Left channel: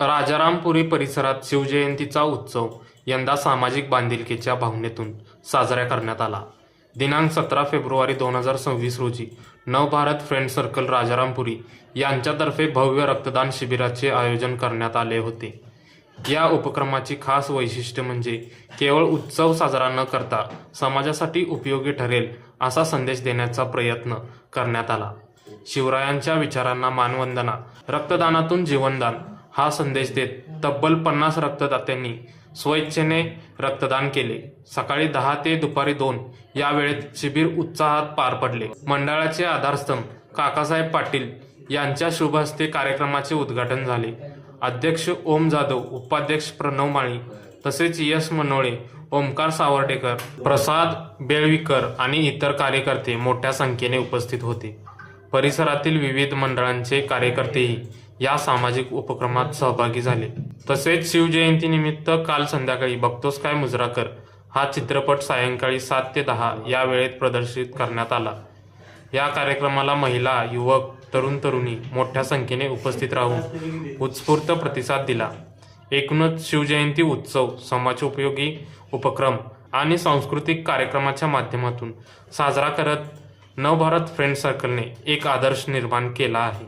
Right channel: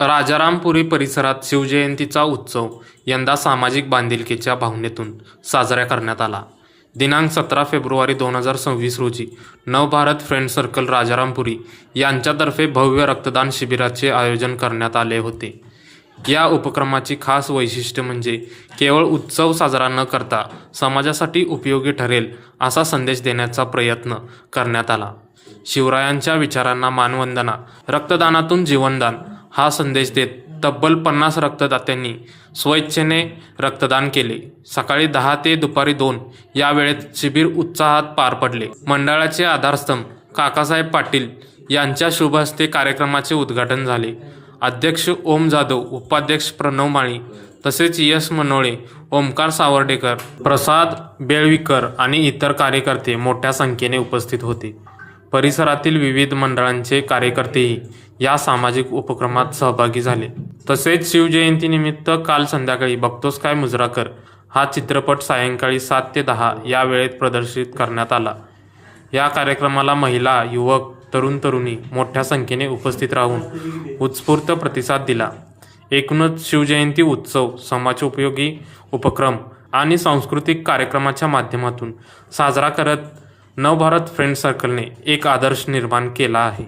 राजारामपुरी परिसरात शिवजयंतीचा उत्सव यंदा सामाजिक बांधिलकीच्या भावनेतून साजरा करण्यात आला. दिनांक सतरा फेब्रुवारी दोन हजार सव्वीस रोजी नवभारत फ्रेंड सर्कल राजारामपुरी यांच्यातर्फे भव्य रक्तदान शिबिराचे आयोजन करण्यात आले होते. या उपक्रमाची खास वैशिष्ट्य म्हणजे केवळ उत्सव साजरा न करता समाजासाठी उपयोगी ठरेल असा संदेश देण्याचा प्रयत्न करण्यात आला. शिवरायांच्या विचारांना मानवंदना रक्तदानातून जीवनदान हा संदेश देत तब्बल पन्नास रक्तदात्यांनी स्वेच्छेने रक्तदान केले. सकाळी दहा ते दुपारी दोन या वेळेत शिबिर उत्साहात पार पडले. मंडळाचे आधारस्तंभ काकासाहेब पाटील यांच्या शुभ हस्ते कार्यक्रमाचे उद्घाटन झाले. अध्यक्ष ओम जाधव उपाध्यक्ष प्रणव माळी तसेच यश मनोळे ओमकार सावर्डेकर प्रसाद बेळवीकर आणि इतर कार्यकर्ते मोठ्या संख्येने उपस्थित होते. परिसरातील विविध मंडळांचे कार्यकर्तेही या सामाजिक उपक्रमात सहभागी झाले. तसेच शिवजयंतीनिमित्त काल संध्याकाळी बघतोस काय मुजराकर हा चित्रपट सायंकाळी सात ते दहा या वेळेत प्रदर्शित करण्यात आला. या कार्यक्रमाला महिला युवक तरुण तरुणी मोठ्या संख्येने उपस्थित राहून उत्स्फूर्त प्रतिसाद दिला. एकूणच शिवजयंती उत्सव समाजोपयोगी उपक्रम आणि सांस्कृतिक कार्यक्रमाच्या माध्यमातून साजरा करत नवभारत फ्रेंड सर्कलने एक आदर्श निर्माण केला आहे.